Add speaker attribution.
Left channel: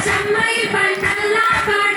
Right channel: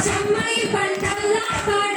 Speaker 1: 什么一般的垃圾？